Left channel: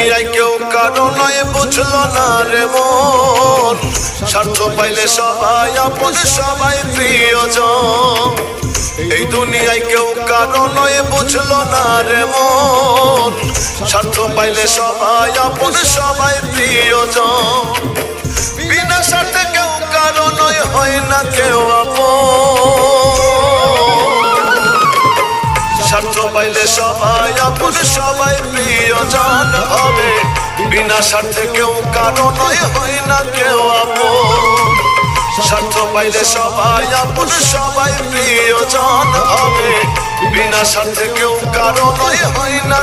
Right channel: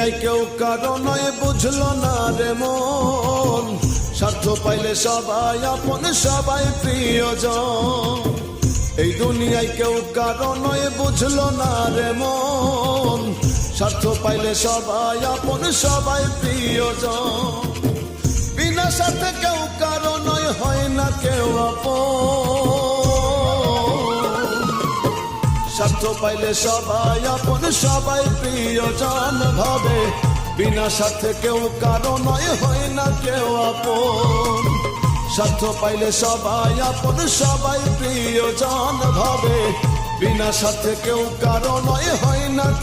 দুনিয়ায় কেউ কারো নয় বুঝলো না রে মন স্বার্থ পাইলে সবাই আপন সবাই প্রিয়জন এই দুনিয়ায় কেউ কারো নয় বুঝলো না রে মন স্বার্থ পাইলে সবাই আপন সবাই প্রিয়জন বিনা স্বার্থে কেউ কারো নয় হয় না কেউ স্বার্থ পাইলে সবাই আপন সবাই প্রিয়জন হবে বিনা স্বার্থে কেউ কারো নয় হয় না কেউ স্বার্থ পাইলে সবাই আপন সবাই প্রিয়জন হবে বিনা স্বার্থে কেউ কারো নয় হয় না